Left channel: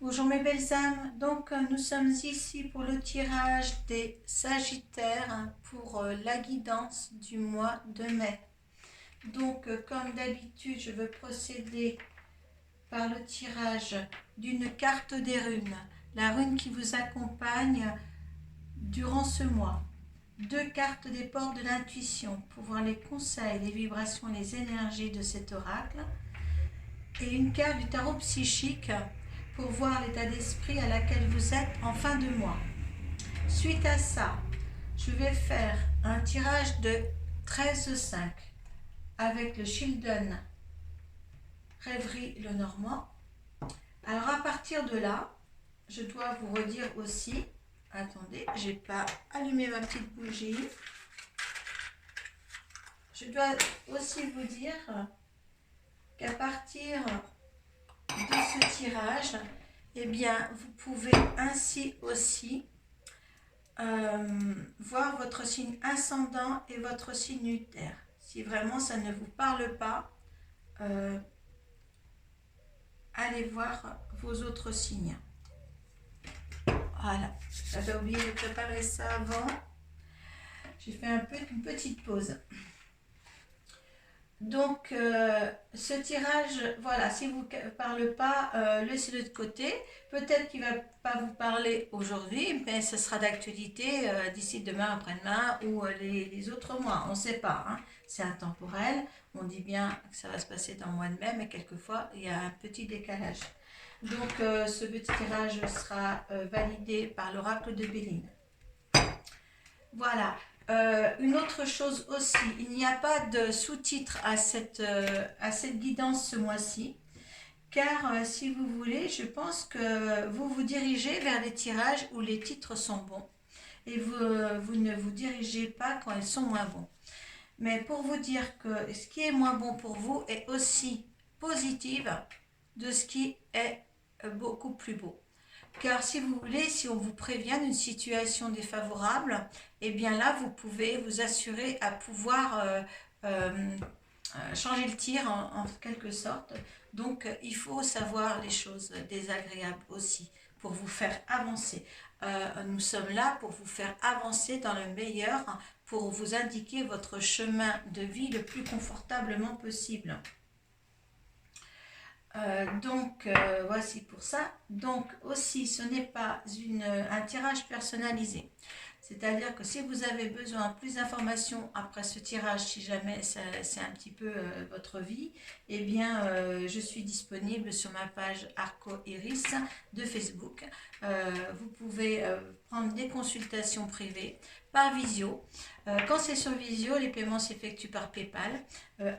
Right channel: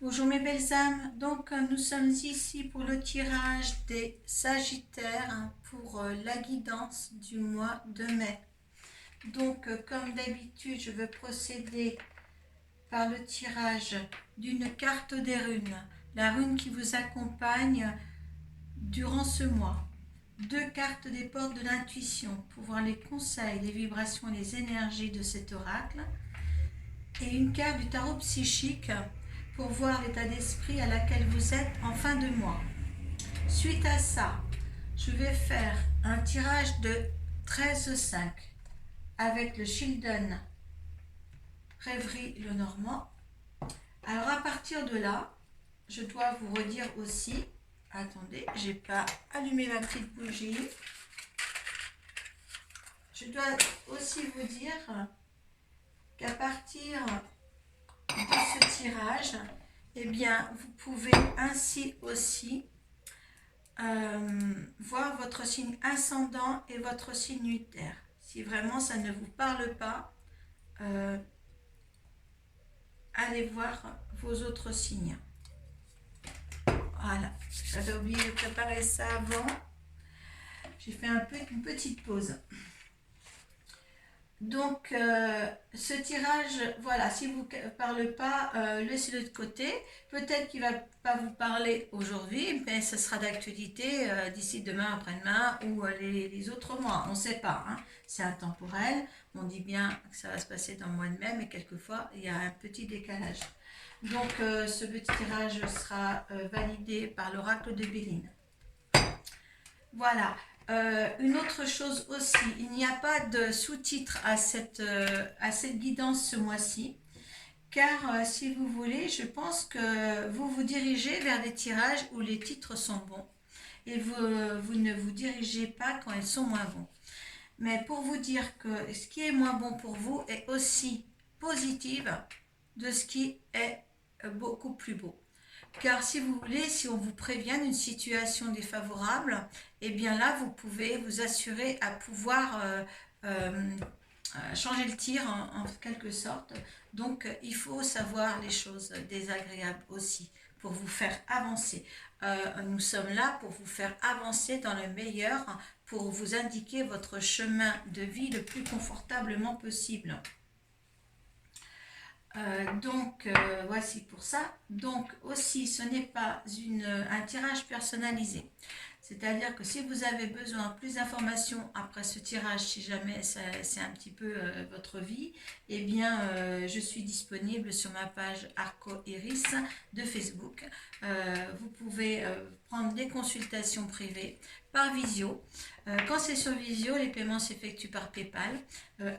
Bonjour mes belles âmes, donc nous sommes ici pour le tirage des Sagittaires pour la guidance du mois de mai. Donc comme d'habitude je veux procéder par le tirage d'une carte des runes, la rune qui vous accompagne durant ce mois. Deux cartes des portes de l'intuition pour voir les conseils, les vibrations et les énergies de cet oracle. Et une carte du tarot psychique pour voir l'état d'esprit à laquelle vous êtes en fin de mois. Suite à ça, je vais faire un tirage de 13,5 avec le Children Rêverie le Normand. Alors à partir de là, je dois vous redire aussi, attendez, j'ai pas allumé ma petite bougie. Je dois aussi vous dire qu'à partir de ce tirage, eh bien, vous pouvez ainsi aussi voir votre signe ascendant et votre signe lunaire. Si vraiment ça ne vous parle pas, allez voir vos autres signes. Voilà, j'avais oublié de préparer ça avant. J'ai fait une petite pause. Donc, ce tirage, voilà, si vous ne parle pas, laissez-le de côté. Peut-être qu'il ne va pas vous parler aujourd'hui, mais ce sera d'actualité d'ici demain, après-demain ou les autres mois. On ne sait pas, hein. C'est intemporel. On dit bien que ça va se passer dans le mois de mai, mais quelquefois, il y a un petit décalage. Donc, ce petit tirage sera validé par l'oracle de Béline. Voilà. Une autre chose aussi, il n'y a pas de sous-titre à cette guidance ce mois-ci, car si vous voulez, je pense que vous vous dirigez vers des tirages où les titres sont bons et vous ne vous dirigez pas quand ils sont moins bons. Mais pour vous dire que ce qui est moins bon pour vous est aussi positif de ce qui est beaucoup plus beau. Car si vous voulez, si on vous prévient d'une situation défavorable, eh bien là, vous pouvez vous assurer à pouvoir changer le tir en quelque sorte. Donc, il faut savoir les choses désagréables aussi pour vous faire avancer. Nous sommes là pour vous faire avancer dans le meilleur, pour vous indiquer votre chemin de vie le plus confortablement possible. Voici pour ça. Donc aussi, ce n'est pas un tirage personnalisé. C'est-à-dire que si vous avez besoin de plus d'informations après ce tirage, si jamais c'est un petit peu votre vie, eh bien, je suis disponible sur ma page Arco Iris de Facebook. Vous pouvez prendre des consultations privées par visio. Quand c'est sur visio, les paiements s'effectuent par PayPal.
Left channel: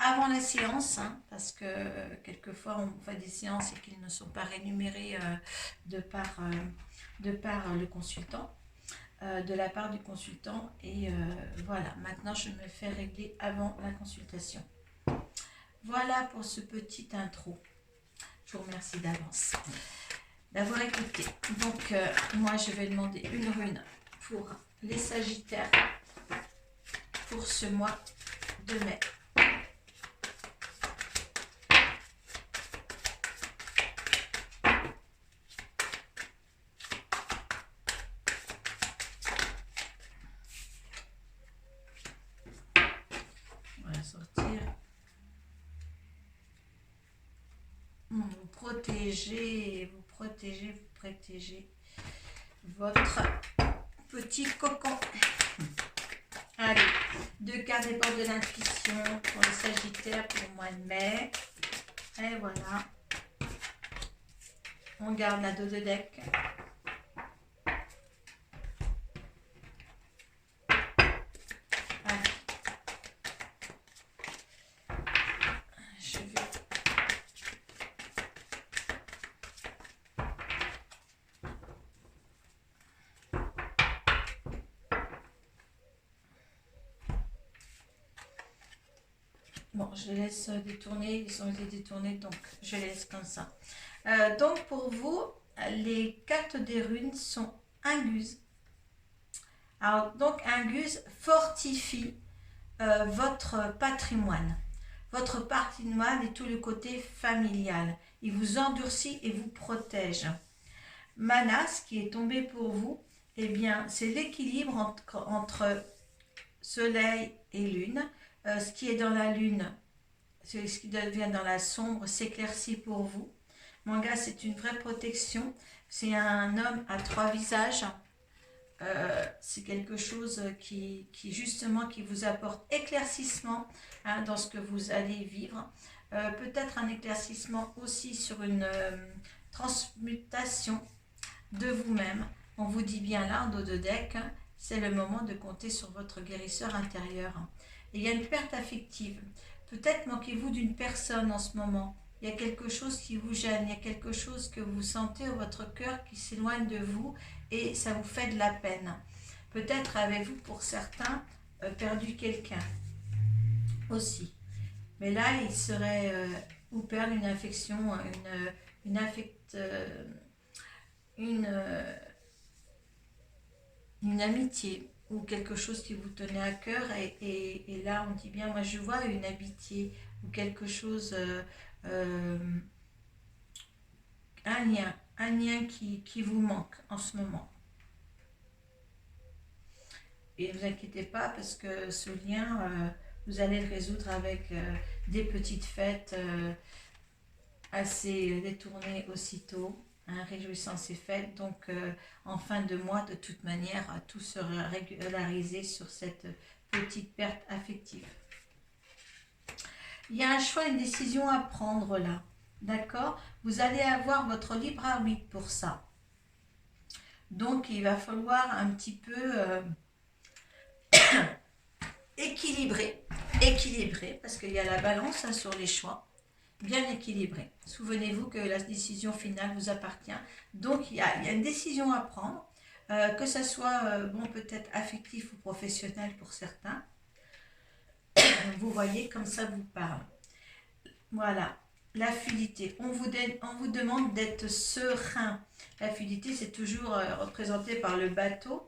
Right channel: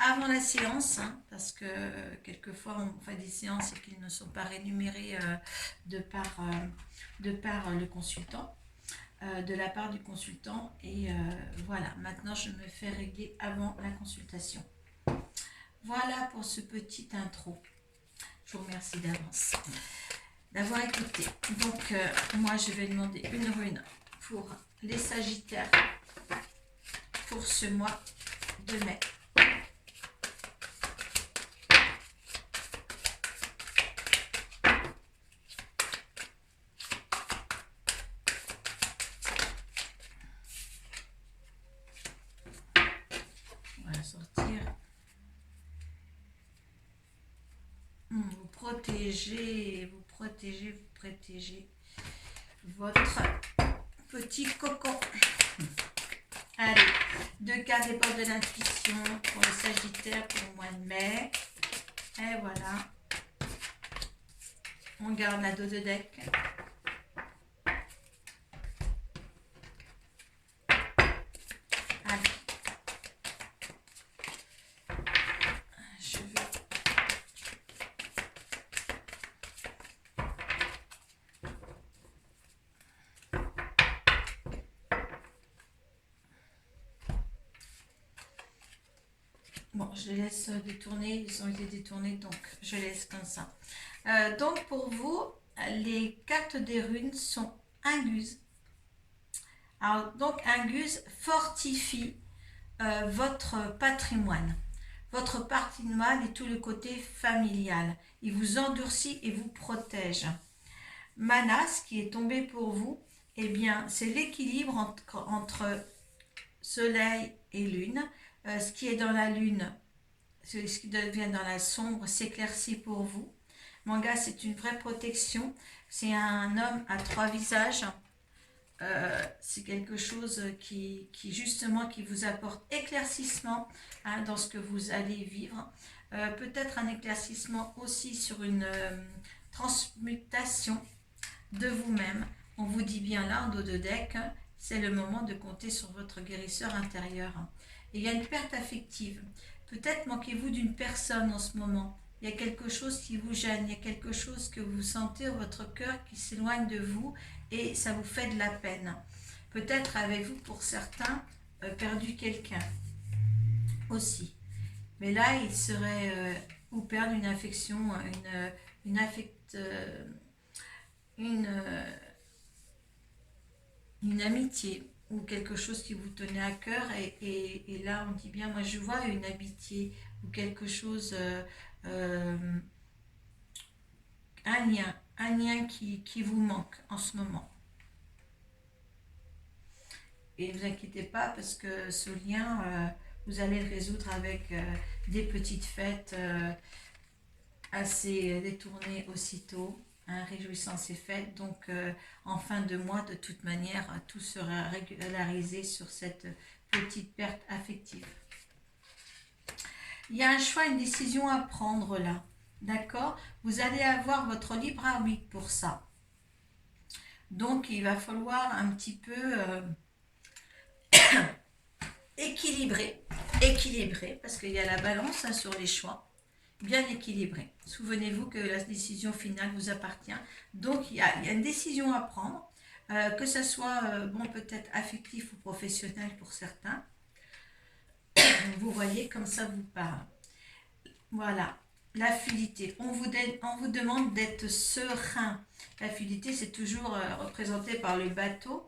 Avant la séance, hein, parce que quelquefois on fait des séances et qu'ils ne sont pas rémunérés de par le consultant. De la part du consultant et voilà, maintenant je me fais régler avant la consultation. Voilà pour ce petit intro. Je vous remercie d'avance d'avoir écouté. Donc moi je vais demander une rune pour les Sagittaires pour ce mois de mai. Sortir. Vous protégez votre petit cocon. Allez, deux cartes des portes de l'intuition pour les Sagittaires pour le mois de mai. Et voilà. On garde la dos de deck. Bon, je les laisse détourner, ils ont été détournés, donc je les laisse comme ça. Donc pour vous, les cartes des runes sont Inguse. Alors donc Inguse fortifie votre patrimoine et tout le côté familial. Il vous endurcit et vous protège. Manas qui est tombé pour vous, eh bien, c'est l'équilibre entre soleil et lune. Ce qui est dans la lune, ce qui devient dans la sombre, s'éclaircit pour vous. Manga, c'est une vraie protection. C'est un homme à trois visages. C'est quelque chose justement qui vous apporte éclaircissement dans ce que vous allez vivre. Peut-être un éclaircissement aussi sur une transmutation de vous-même. On vous dit bien là en dos de deck, c'est le moment de compter sur votre guérisseur intérieur. Et il y a une perte affective. Peut-être manquez-vous d'une personne en ce moment. Il y a quelque chose qui vous gêne, il y a quelque chose que vous sentez dans votre cœur qui s'éloigne de vous et ça vous fait de la peine. Peut-être avez-vous pour certains perdu quelqu'un aussi. Mais là, il serait ou perdre une affection, une amitié ou quelque chose qui vous tenait à cœur et là on dit bien, moi je vois une amitié ou quelque chose, un lien qui vous manque en ce moment. Et ne vous inquiétez pas parce que ce lien, vous allez le résoudre avec des petites fêtes assez détournées aussitôt. Réjouissance et fête, donc en fin de mois de toute manière tout sera régularisé sur cette petite perte affective. Il y a un choix, une décision à prendre là, d'accord? Vous allez avoir votre libre arbitre pour ça, donc il va falloir un petit peu équilibrer parce qu'il y a la balance sur les choix. Bien équilibré. Souvenez-vous que la décision finale vous appartient. Donc, il y a une décision à prendre, que ce soit peut-être affectif ou professionnel pour certains. Vous voyez, comme ça vous parle. Voilà, la fluidité. On vous demande d'être serein. La fluidité, c'est toujours représenté par le bateau,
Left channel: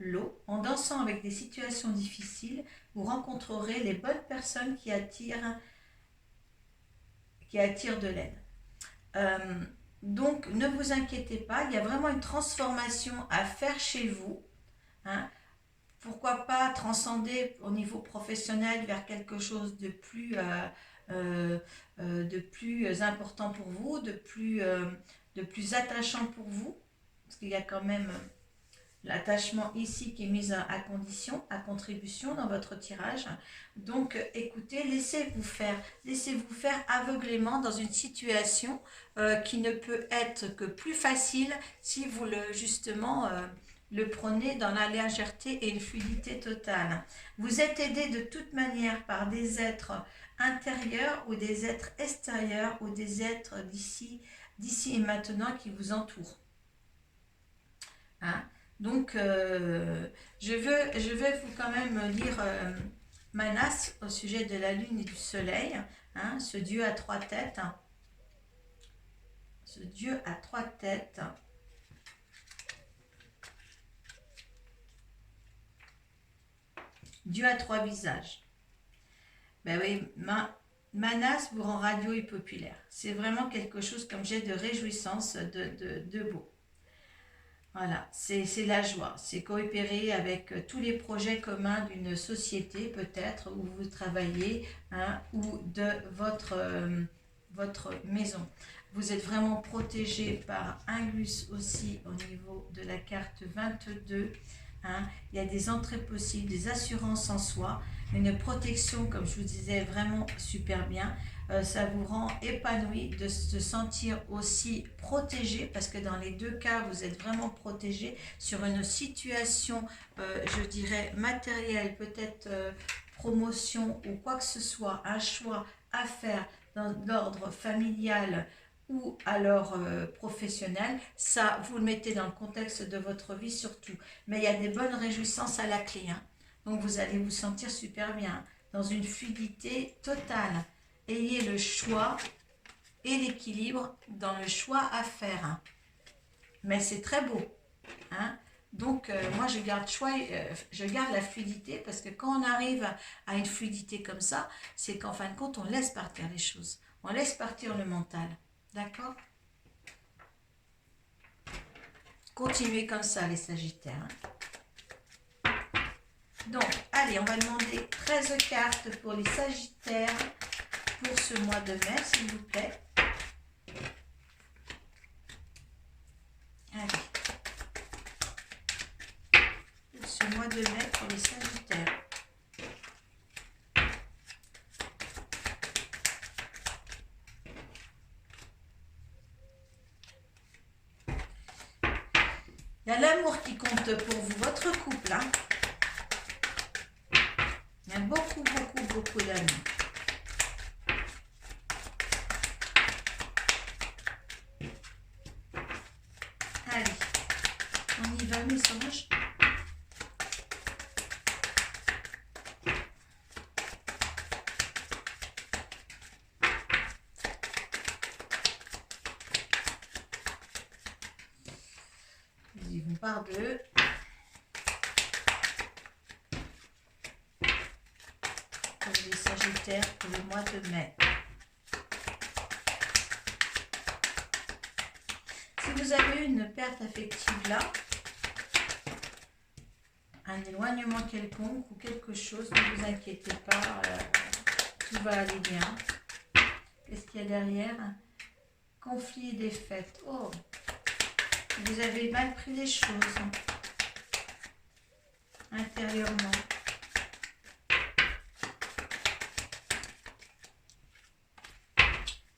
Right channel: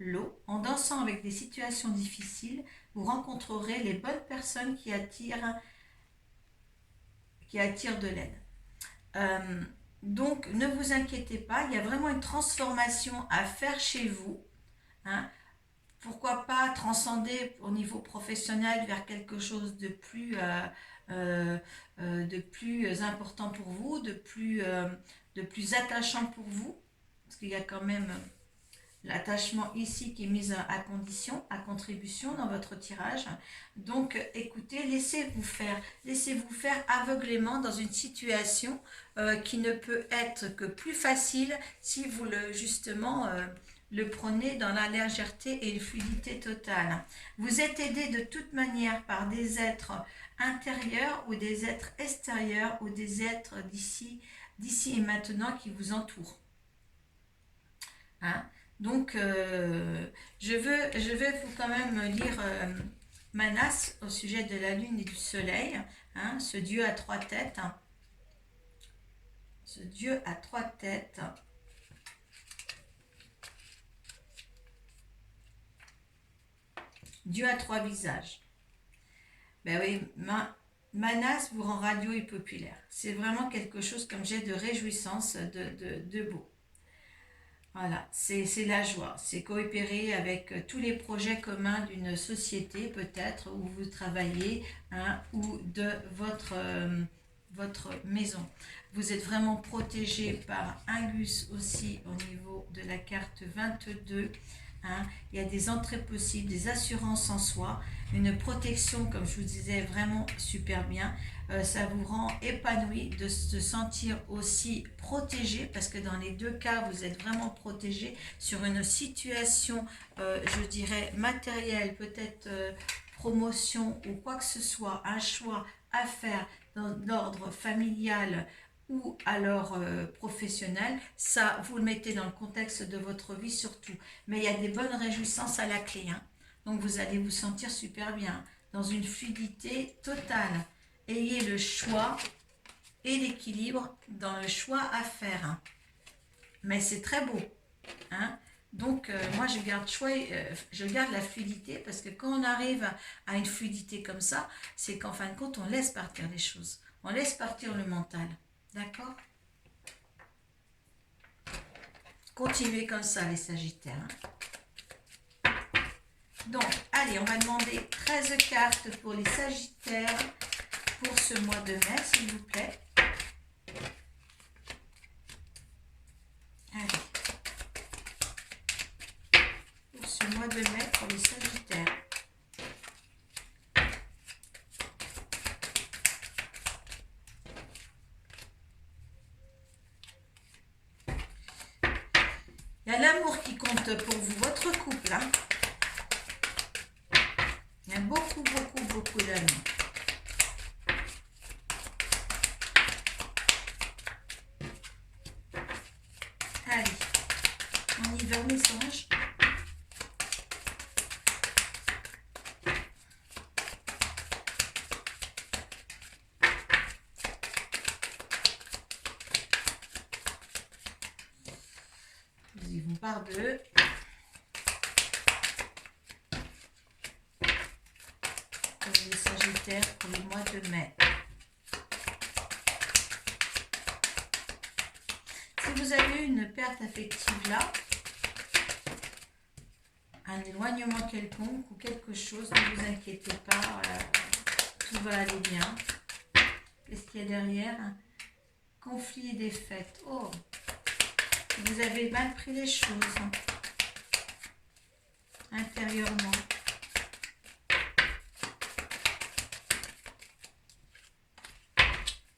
l'eau. En dansant avec des situations difficiles, vous rencontrerez les bonnes personnes qui attirent de l'aide. Donc, ne vous inquiétez pas, il y a vraiment une transformation à faire chez vous. Pourquoi pas transcender au niveau professionnel vers quelque chose de plus important pour vous, de plus attachant pour vous, parce qu'il y a quand même l'attachement ici qui est mis à condition, à contribution dans votre tirage. Donc écoutez, laissez-vous faire aveuglément dans une situation qui ne peut être que plus facile si vous le prenez dans la légèreté et une fluidité totale. Vous êtes aidé de toute manière par des êtres intérieurs ou des êtres extérieurs ou des êtres d'ici et maintenant qui vous entourent. Donc, je vais vous quand même lire Manas au sujet de la lune et du soleil, ce dieu à trois têtes. Ce dieu à trois têtes. Dieu à trois visages. Ben oui, Manas vous rend radieux et populaire. C'est vraiment quelque chose comme j'ai de réjouissance, de beau. Voilà, c'est la joie, c'est coopérer avec tous les projets communs d'une société peut-être où vous travaillez ou de votre maison. Vous êtes vraiment protégé par Angus aussi au niveau de la carte 22. Il y a des entrées possibles, des assurances en soi, une protection comme je vous disais vraiment super bien. Ça vous rend épanoui de se sentir aussi protégé parce que dans les deux cas vous êtes vraiment protégé sur une situation je dirais matérielle, peut-être promotion ou quoi que ce soit, un choix à faire dans l'ordre familial ou alors professionnel, ça vous le mettez dans le contexte de votre vie surtout, mais il y a des bonnes réjouissances à la clé, donc vous allez vous sentir super bien dans une fluidité totale. Ayez le choix et l'équilibre dans le choix à faire. Mais c'est très beau. Donc, moi, je garde la fluidité parce que quand on arrive à une fluidité comme ça, c'est qu'en fin de compte, on laisse partir les choses. On laisse partir le mental. D'accord ? continuez comme ça les Sagittaires. Donc, allez, on va demander 13 cartes pour les Sagittaires pour ce mois de mai, s'il vous plaît. Allez. Pour ce mois de mai pour les Sagittaires. Il y a l'amour qui compte pour vous, votre couple. Hein. Il y a beaucoup, beaucoup, beaucoup d'amour. Allez, on y va, mes anges. Ils y vont par deux. Pour les Sagittaires pour le mois de mai. Si vous avez une perte affective là, un éloignement quelconque ou quelque chose, ne vous inquiétez pas, tout va aller bien. Qu'est-ce qu'il y a derrière? Conflit et défaite. Oh, vous avez mal pris les choses intérieurement.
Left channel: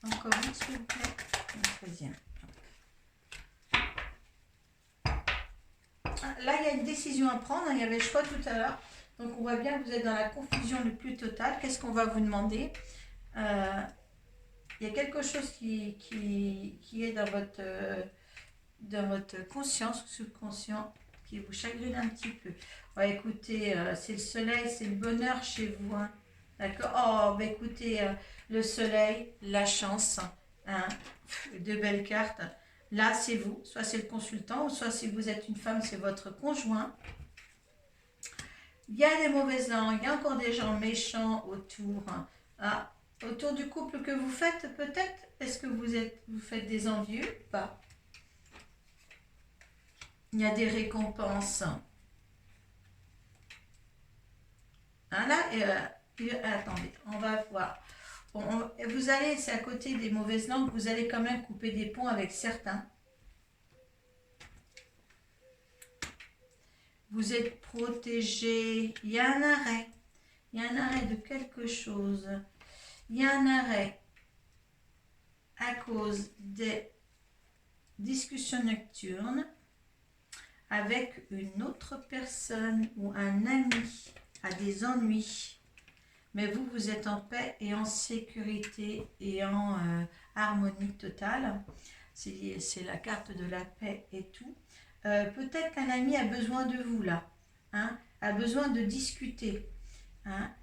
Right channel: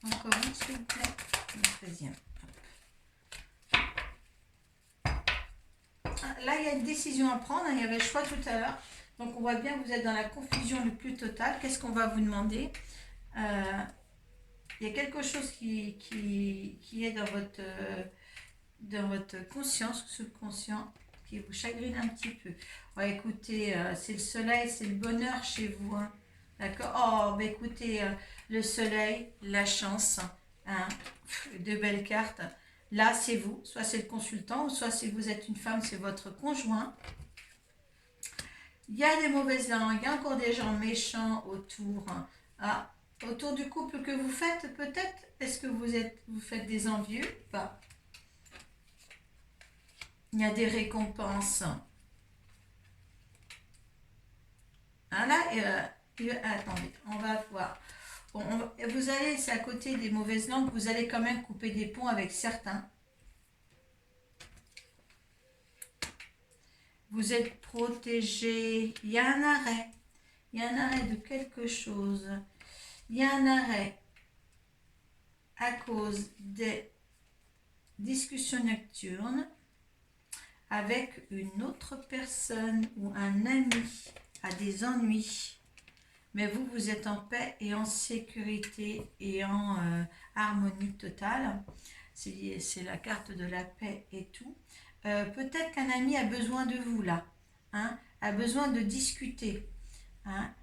Encore une, s'il vous plaît. Le 13e. Là, il y a une décision à prendre. Il y avait le choix tout à l'heure. Donc, on voit bien que vous êtes dans la confusion le plus totale. Qu'est-ce qu'on va vous demander? Il y a quelque chose qui est dans votre conscience ou subconscient qui vous chagrine un petit peu. Ouais, écoutez, c'est le soleil, c'est le bonheur chez vous. Hein. D'accord? Oh, bah écoutez, le soleil, la chance, hein, de belles cartes. Là, c'est vous, soit c'est le consultant, ou soit si vous êtes une femme, c'est votre conjoint. Il y a des mauvaises langues, il y a encore des gens méchants autour. Ah, autour du couple que vous faites, peut-être. Est-ce que vous faites des envieux ou pas? Il y a des récompenses. Ah, là, attendez, on va voir. Vous allez, c'est à côté des mauvaises langues, vous allez quand même couper des ponts avec certains. Vous êtes protégé. Il y a un arrêt. Il y a un arrêt de quelque chose. Il y a un arrêt à cause des discussions nocturnes avec une autre personne ou un ami à des ennuis. Mais vous, vous êtes en paix et en sécurité et en harmonie totale. C'est la carte de la paix et tout. Peut-être qu'un ami a besoin de vous là, hein, a besoin de discuter. Hein.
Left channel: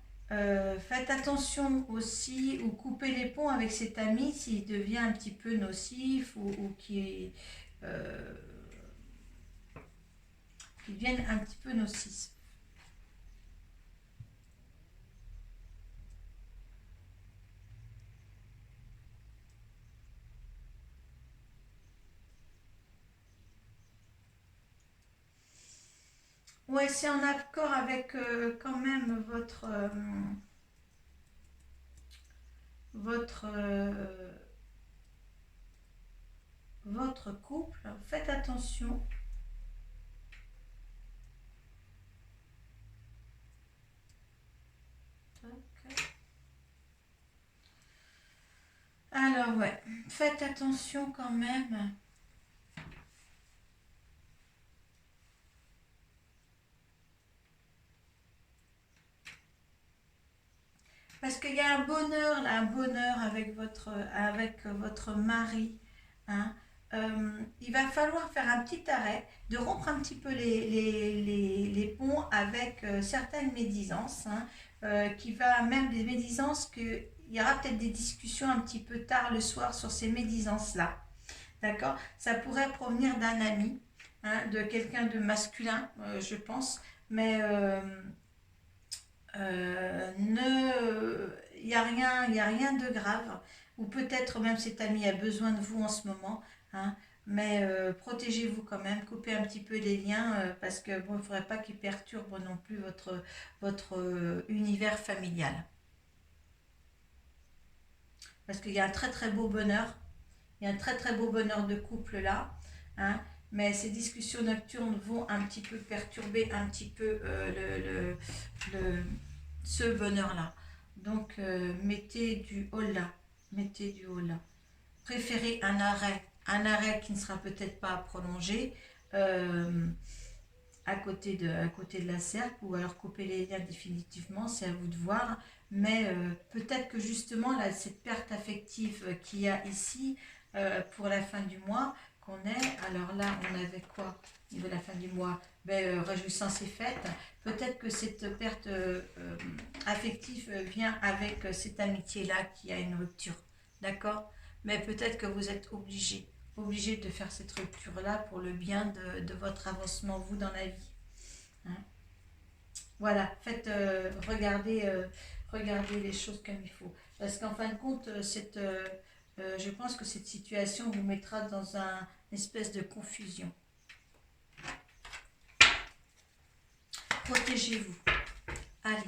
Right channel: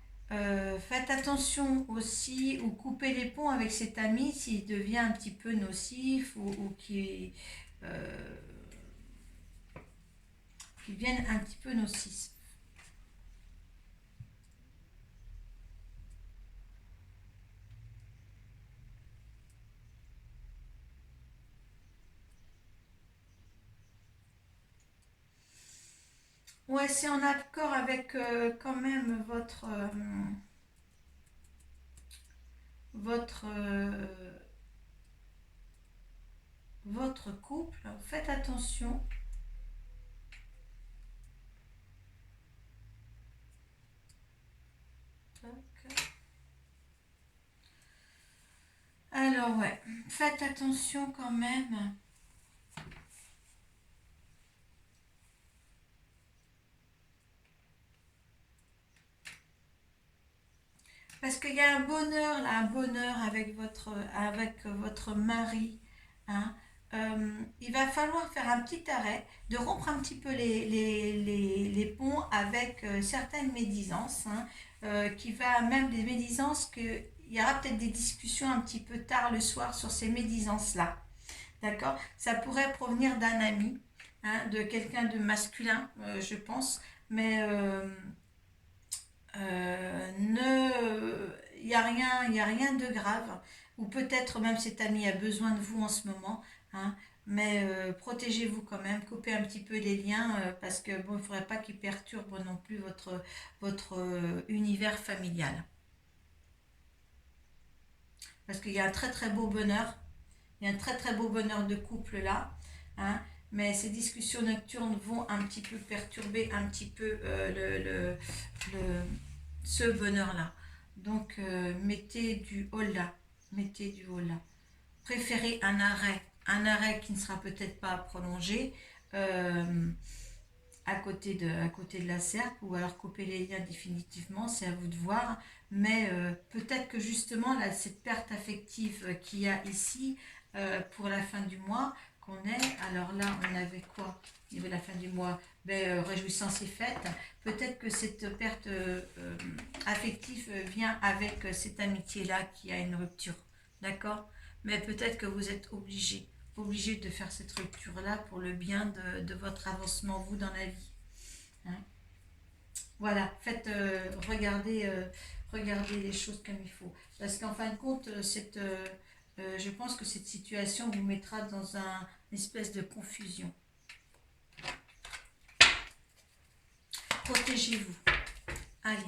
Faites attention aussi ou coupez les ponts avec cet ami s'il devient un petit peu nocif ou qui devienne un petit peu nocif. Ouais, c'est en accord avec quand même votre couple. Faites attention. Alors ouais, faites attention quand même. Parce qu'il y a un bonheur, là, un bonheur avec votre mari. Hein. Il va falloir faire un petit arrêt, de rompre un petit peu les ponts avec certaines médisances, hein, qui va même des médisances qu'il y aura peut-être des discussions un petit peu tard le soir sur ces médisances-là. D'accord? Ça pourrait provenir d'un ami, hein, de quelqu'un de masculin, je pense, mais il n'y a rien de grave, ou peut-être même cet ami a besoin de vous en ce moment. Hein. mais protégez-vous quand même, coupez un petit peu les liens parce que bon, il ne faudrait pas qu'ils perturbent non plus votre univers familial. Parce qu'il y a un très très beau bonheur, il y a un très très beau bonheur de couple là, hein, mais ces discussions nocturnes vont un petit peu perturber un petit peu le, ce bonheur là. Donc mettez du haut là, mettez du haut là. Préférez un arrêt qui ne sera peut-être pas prolongé à côté de la serpe, ou alors couper les liens définitivement, c'est à vous de voir. Mais peut-être que justement, là, cette perte affective qu'il y a ici pour la fin du mois qu'on est, alors là, on avait quoi au niveau de la fin du mois? Réjouissance et fête. Peut-être que cette perte affective vient avec cette amitié-là qui a une rupture. D'accord? Mais peut-être que vous êtes obligé de faire cette rupture-là pour le bien de votre avancement, vous, dans la vie. Hein. Voilà, faites, regardez les choses comme il faut. Parce qu'en fin de compte, je pense que cette situation vous mettra dans une espèce de confusion. Protégez-vous. Allez,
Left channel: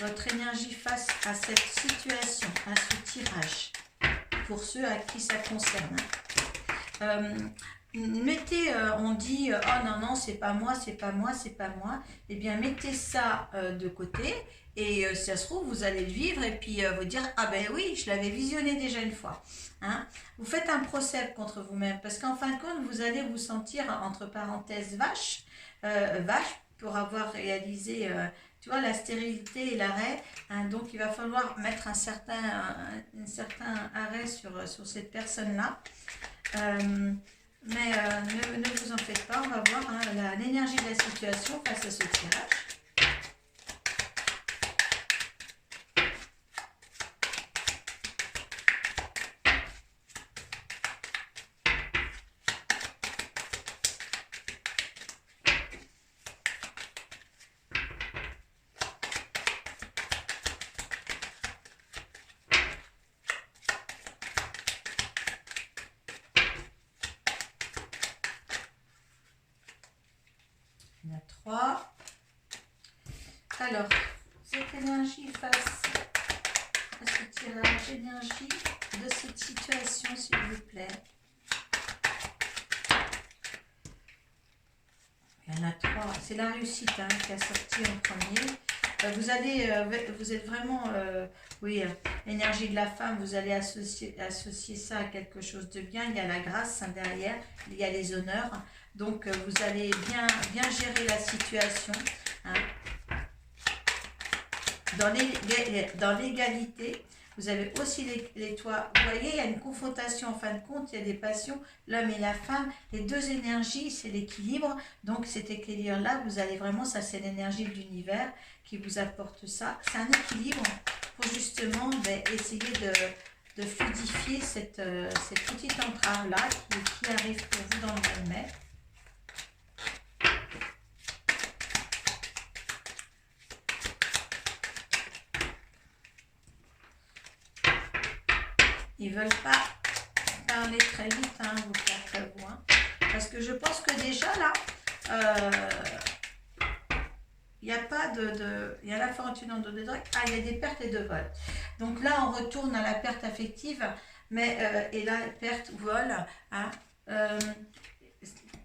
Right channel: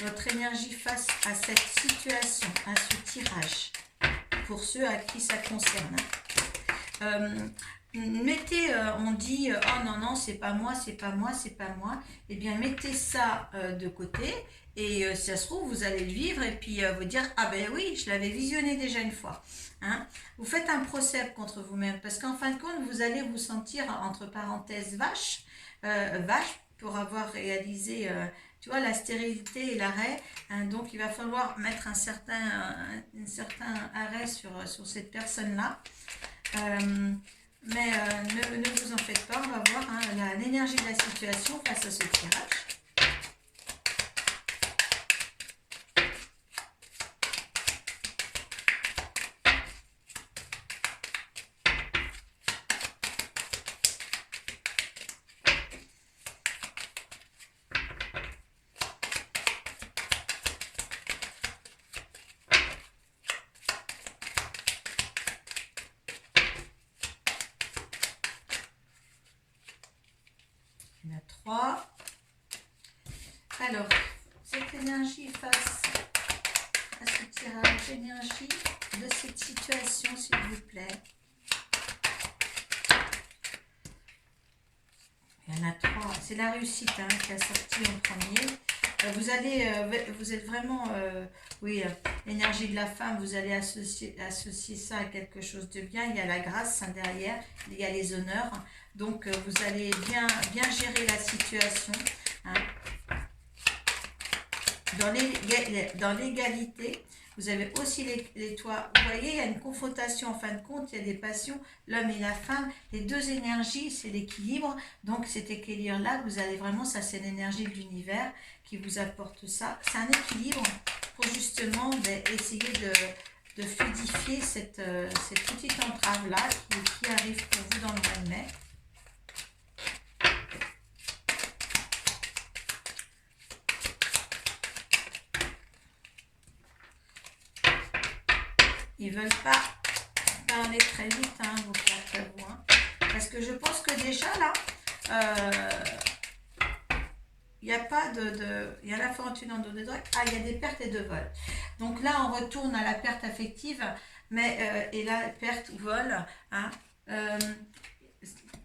votre énergie face à cette situation, à ce tirage, pour ceux à qui ça concerne. Mettez, on dit oh non non c'est pas moi, c'est pas moi, c'est pas moi, eh bien mettez ça de côté et si ça se trouve vous allez le vivre et puis vous dire ah ben oui je l'avais visionné déjà une fois, hein. Vous faites un procès contre vous-même parce qu'en fin de compte vous allez vous sentir entre parenthèses vache pour avoir réalisé tu vois la stérilité et l'arrêt, hein. Donc il va falloir mettre un certain arrêt sur cette personne là. Mais ne vous en faites pas, on va voir hein, l'énergie de la situation face à ce tirage. Il y en a 3. Alors, cette énergie face à ce tirage, énergie de cette situation, s'il vous plaît. Il y en a 3. C'est la réussite hein, qui a sorti en premier. Vous êtes vraiment, oui, l'énergie de la femme, vous allez associer ça à quelque chose de bien. Il y a la grâce hein, derrière, il y a les honneurs. Donc, vous allez bien gérer la situation. Hein. Dans l'égalité, vous avez aussi les toits. Vous voyez, il y a une confrontation en fin de compte, il y a des passions, l'homme et la femme. Les deux énergies, c'est l'équilibre. Donc, cet équilibre-là, vous allez vraiment, ça c'est l'énergie de l'univers qui vous apporte ça. C'est un équilibre pour justement essayer de fluidifier cette petite entrave-là qui arrive pour vous dans le mois de mai. Ils veulent pas parler très vite, hein, vos quatre vous. Hein. Parce que je pense que déjà là, il n'y a pas il y a la fortune en dos de drague. Ah, il y a des pertes et de vols. Donc là, on retourne à la perte affective, mais et la perte ou vol. Hein,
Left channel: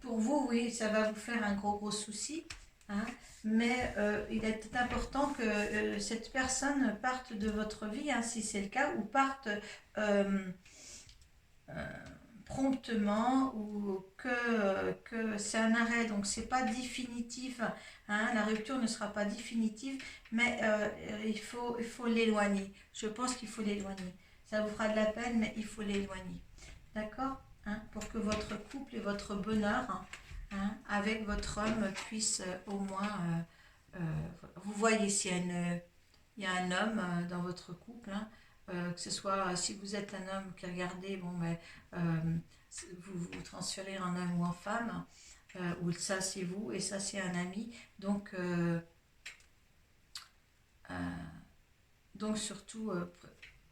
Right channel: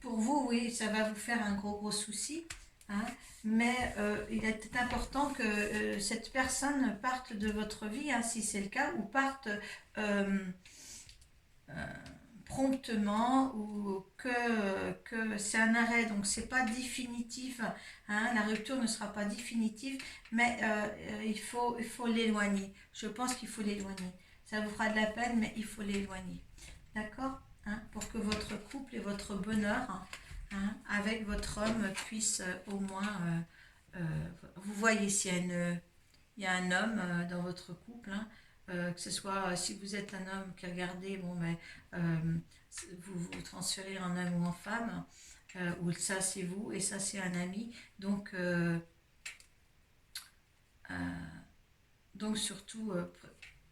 pour vous, oui, ça va vous faire un gros souci. Hein, mais il est important que cette personne parte de votre vie, hein, si c'est le cas, ou parte promptement, ou que c'est un arrêt, donc c'est pas définitif, hein, la rupture ne sera pas définitive, mais il faut l'éloigner. Je pense qu'il faut l'éloigner. Ça vous fera de la peine, mais il faut l'éloigner. D'accord, hein, pour que votre couple et votre bonheur hein, avec votre homme puisse au moins vous voyez s'il y a un homme dans votre couple, hein, que ce soit si vous êtes un homme qui regardez, bon, mais vous transférez en homme ou en femme, ou ça c'est vous et ça c'est un ami. Donc surtout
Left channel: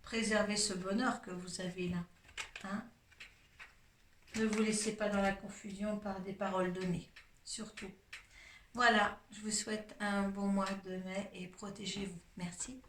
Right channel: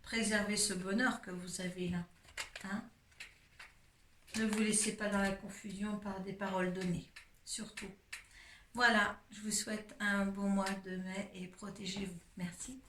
préservez ce bonheur que vous avez là. Hein. Ne vous laissez pas dans la confusion par des paroles données, surtout. Voilà, je vous souhaite un bon mois de mai et protégez-vous. Merci.